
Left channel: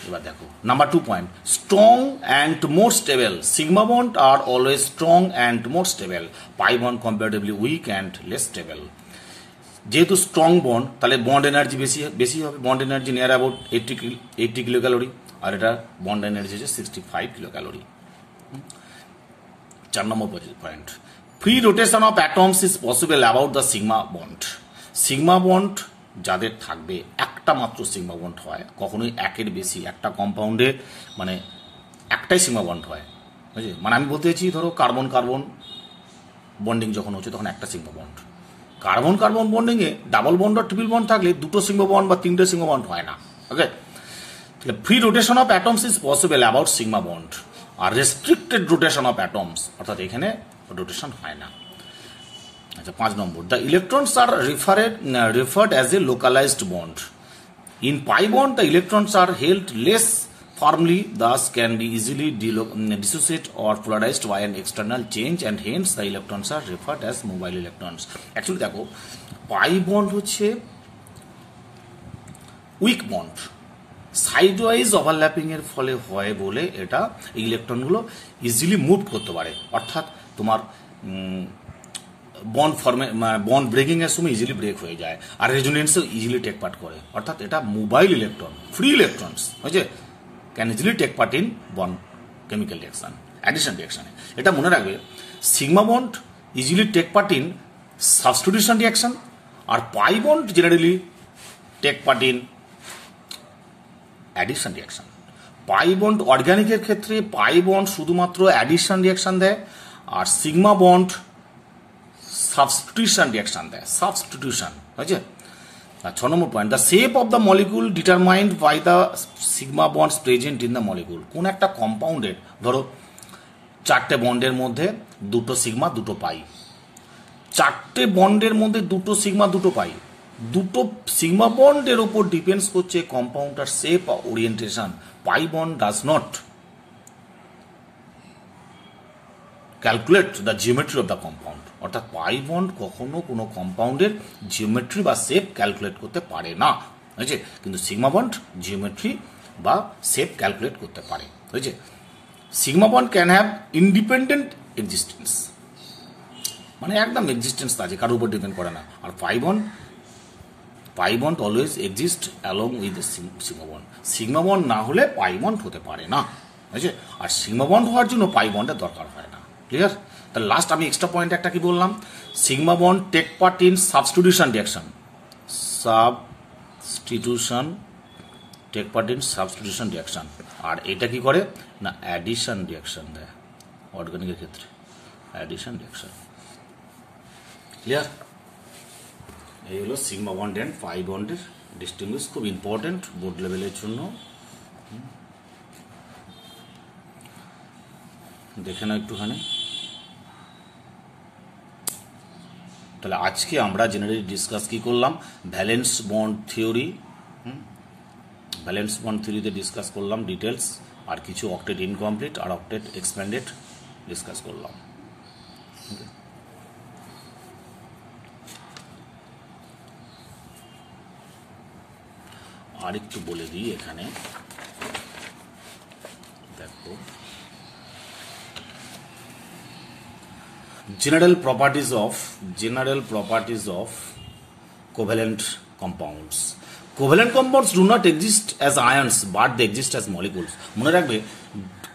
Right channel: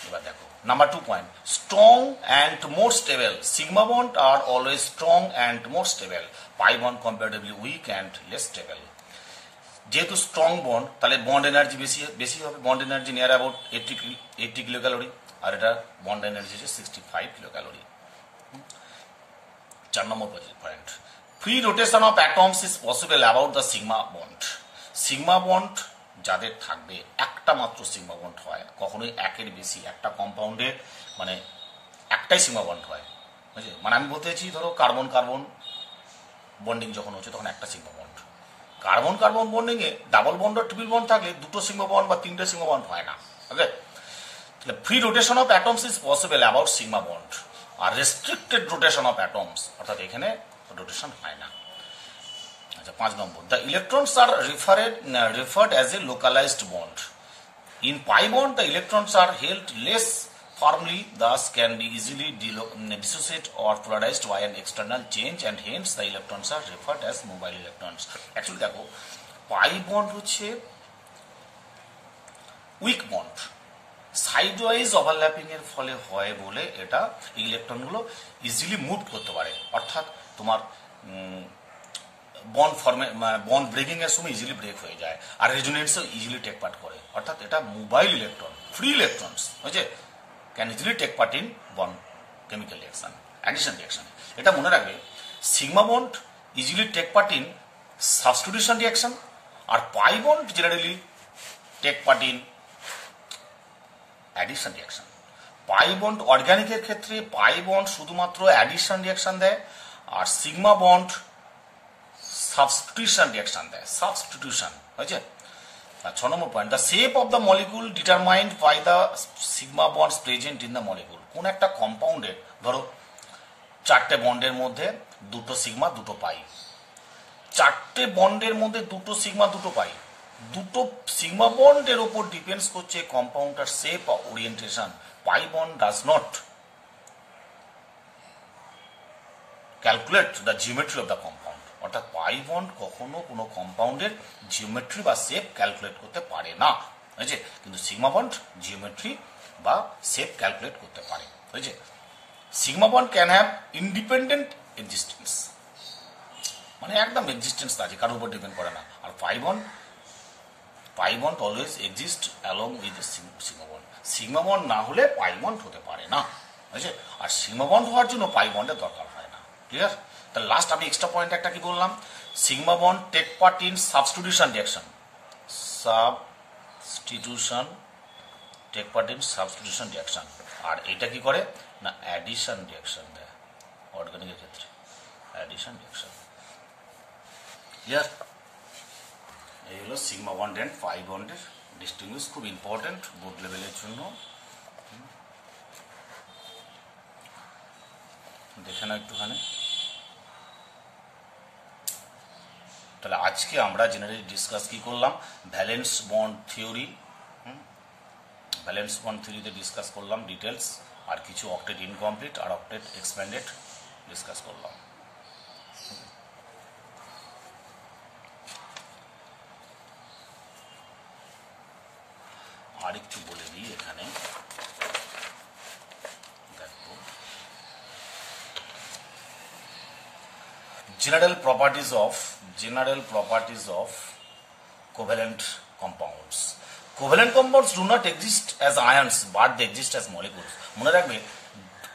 এবার দেখো number 2 point, strong and more stable. Sigma bond are always strong and more stable, pi bond comparatively weak and less stable. যেহেতু strong bond তাহলে bond energy বেশি হবে। Bond energy near about 80 kilo calorie, আর এটা bond energy হচ্ছে 65 kilo calorie. 4 নম্বর point, free rotation of atoms is possible about the sigma bond. Sigma bond যাদের থাকবে একটা মাত্র সিগমা বন্ড হয়, কখনোই একের বেশি একটা কম্পাউন্ডে মানে একটাই সিগমা বন্ড হয়। বুঝলি? মানে আমি বলতে চাইছি ধরো কার্বন কার্বন বন্ডিং যখন হচ্ছে তখন একটা sigma bond. Carbon carbon bonding এ ডাবল বন্ড আর ট্রিপল বন্ড থাকলে দুটো সিগমা বন্ড বা তিনটে সিগমা বন্ড হয় না। Okay, free rotation of atoms is possible about sigma bond, আর রেস্ট্রিক্টেড রোটেশন অফ অ্যাটমস অর্থাৎ এখানে রোটেশন হয় না। আচ্ছা, 5 নম্বর, the electrons are referred as a localized bond. In pi bond, the electrons are held less firmly, thus can be easily dissociated or polarized by an external change, and hence the electrons are referred as mobile electrons. Actually দেখো pi bond হচ্ছে weak bond, side wise overlapping এর ফলে হয় বলে এটা ইলেকট্রনগুলো easily move করতে পারে, অর্থাৎ তোমার বন্ড ব্রেকিং এর সময় ইজিলি ব্রেক হয়ে যায়, আর রেজোনেন্সও ইজিলি টেক পার্ট করে, অর্থাৎ এটা মোবাইল ইলেকট্রন, ফ্রি ইলেকট্রনস, বুঝছে, can easily take part in bond chemical reaction, addition রিঅ্যাকশনে। এটা মনে রাখবে, sigma bond easily take part in substitution reaction, আর pi bond generally take part in addition reaction. Pi bond অর্গানিকের ক্ষেত্রে pi bond শুধুমাত্র addition reaction দেয়, আর সিগমা বন্ড সাবস্টিটিউশন রিঅ্যাকশন দেয়, সাবস্টিটিউশন, বুঝছে। 6 নম্বর point, the shape of the molecule determined by the sigma bonds present in the molecule. কোন একটা কম্পাউন্ডের ধরো 4টে বন্ডের মধ্যে 2টো সিগমা 2টো পাই, 4টে বন্ডের মধ্যে 2টো সিগমা 2টো পাই, দুটো সিগমা বন্ডের ওপর ডিপেন্ডস করছে কম্পাউন্ডটার শেপ বা orientation. Pi bond does not calculate the geometry of the compound. অর্থাৎ পাই বন্ড কখনো কোনো কম্পাউন্ডের জিওমেট্রি বা শেপ ক্যালকুলেট করতে পারে না, বুঝছে? কিন্তু সিগমা বন্ড জিওমেট্রি বা শেপ ক্যালকুলেট করতে পারে, বুঝছে? Sigma bond can have independent existence, মানে একদম এক্সিস্টেন্স আছে, কারোর উপর ডিপেন্ড করে না। আর pi bond always exist along with the sigma bond. Sigma bond না হলে পাই বন্ড হতে পারে না, বুঝছে? আর সিগমা বন্ড হওয়ার জন্য পাই বন্ডের দরকার হয় না। ক্লিয়ার? তাহলে লাস্ট আমি এক্সট্রা পয়েন্ট একটা কি বললাম, sigma bond take part in substitution reaction. Take part in substitution reaction. আর এটা কি করে না, অ্যাডিশন রিঅ্যাকশন দেয় অর্গানিকের ক্ষেত্রে, অ্যাডিশন রিঅ্যাকশন। ক্লিয়ার? এই হলো সিগমা বন্ড এন্ড পাই বন্ডের ডিস্টিংগুইশ, খুব ইম্পর্টেন্ট বোর্ড লেভেলের জন্য। দেখে না একটুখানি। তাহলে আজকে আমরা জেনারেলি ডিসকাস কি করলাম, valence bond theory. Valence bond থিওরিতে ডিসকাস করলাম ডিটেলস, আর কিছু অক্টেট ইনকমপ্লিট আর অক্টেট এক্সপ্যান্ডেড ডিসকাস করলাম। আর একটু বলে দিই এখানে, দেখো general properties of covalent compounds. Covalent compounds do not exist as ions but they exist as molecules. মনে রাখবে,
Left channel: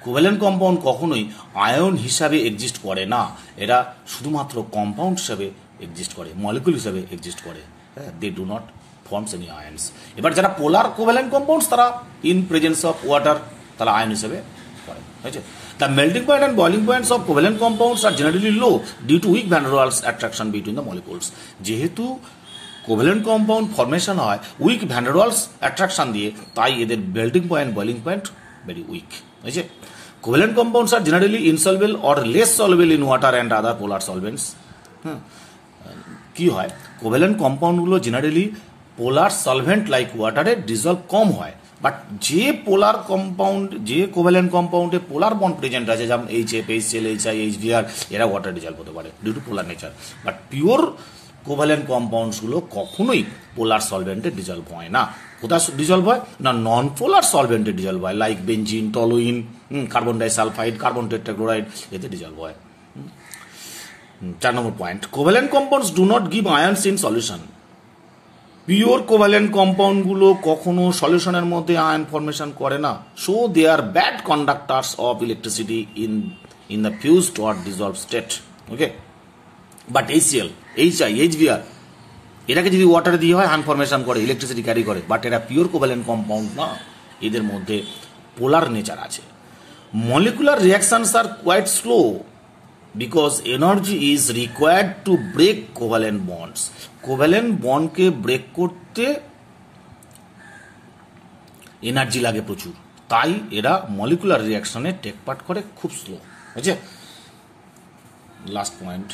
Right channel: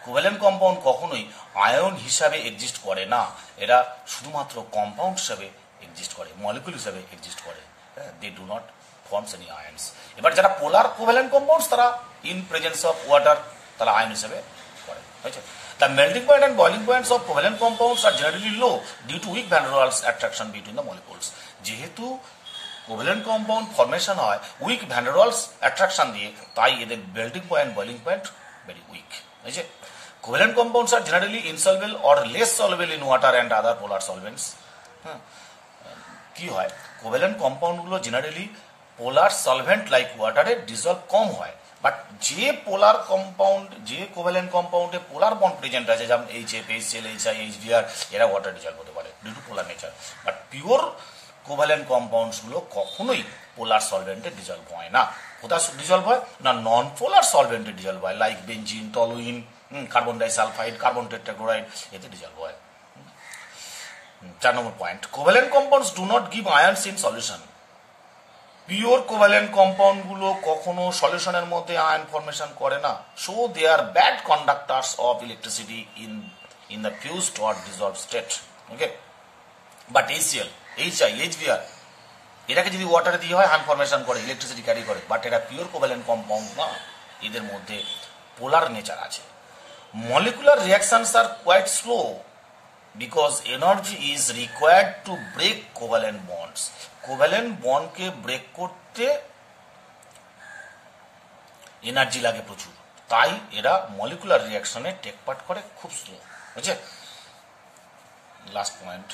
কোভ্যালেন্ট কম্পাউন্ড কখনোই আয়ন হিসাবে এক্সিস্ট করে না, এরা শুধুমাত্র কম্পাউন্ড হিসাবে এক্সিস্ট করে, মলিকুল হিসাবে এক্সিস্ট করে। They do not forms any ions. এবার যারা পোলার কোভ্যালেন্ট কম্পাউন্ডস, তারা ইন প্রেজেন্স অফ ওয়াটার তারা আয়ন হিসাবে করে, বুঝছো? The melting point and boiling points of covalent compounds are generally low due to weak van der Waals attraction between the molecules. যেহেতু covalent compound formation হয় weak van der Waals attraction দিয়ে, তাই এদের melting point boiling point very weak, বুঝছে? Covalent compounds are generally insoluble or less soluble in water and other polar solvents. কি হয়, covalent কম্পাউন্ডগুলো generally polar solvent like ওয়াটারে dissolve কম হয়, বাট যে পোলার কম্পাউন্ড, যে কোভ্যালেন্ট কম্পাউন্ডে পোলার বন্ড প্রেজেন্ট আছে, যেমন HF, HCl, HI, HBr, এরা ওয়াটার ডিজলভ হতে পারে due to polar nature. But pure covalent compounds গুলো কখনোই পোলার সলভেন্টে ডিজলভ হয় না। কোথায় ডিজলভ হয় না, নন পোলার সলভেন্টে ডিজলভ হয়, like benzene, toluene, carbon disulphide, carbon tetrachloride, এতে ডিজলভ হয়। 4 নম্বর point, covalent compounds do not give ions in solution. Pure covalent compound গুলো কখনো সলিউশনের মধ্যে আয়ন ফরমেশন করে না, so they are bad conductors of electricity in the fused or dissolve state. Okay, but HCl, HI, HBr এটাকে যদি ওয়াটারে দিয়ে হয় আয়ন ফরমেশন করে, ইলেকট্রিসিটি ক্যারি করে, বাট এরা পিওর কোভ্যালেন্ট কম্পাউন্ড না, এদের মধ্যে পোলার নেচার আছে। Molecular reactions are quite slow because energy is required to break covalent bonds. Covalent বন্ডকে ব্রেক করতে এনার্জি লাগে প্রচুর, তাই এরা মলিকুলার রিঅ্যাকশনে টেক পার্ট করে খুব স্লো, বুঝছে? Last point,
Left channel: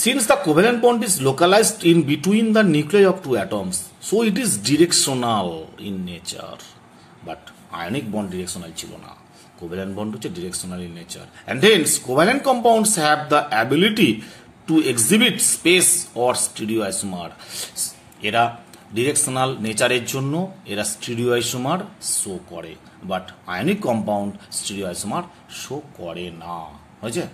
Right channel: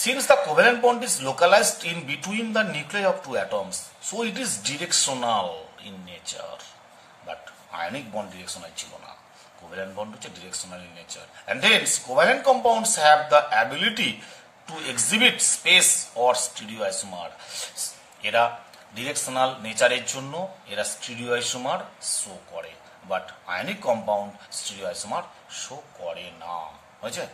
since the covalent bond is localised in between the nuclei of two atoms, so it is directional in nature, but ionic bond directional ছিল না। কোভ্যালেন্ট বন্ড হচ্ছে directional in nature, and hence covalent compounds have the ability to exhibit space or stereoisomer. এরা directional নেচারের জন্য এরা স্টিরিওআইসোমার show করে, but ionic compound স্টিরিওআইসোমার show করে না, হয়েছে?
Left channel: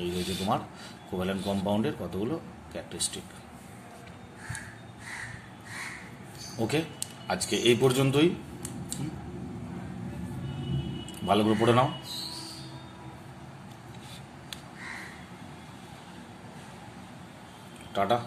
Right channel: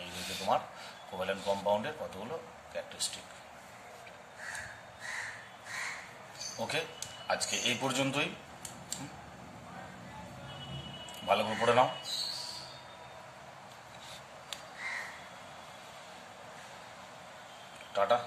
এই হয়েছে তোমার কোভ্যালেন্ট কম্পাউন্ডের কতগুলো ক্যারেক্টারিস্টিক। ওকে, আজকে এই পর্যন্তই, ভালো করে পড়ে নাও। টাটা।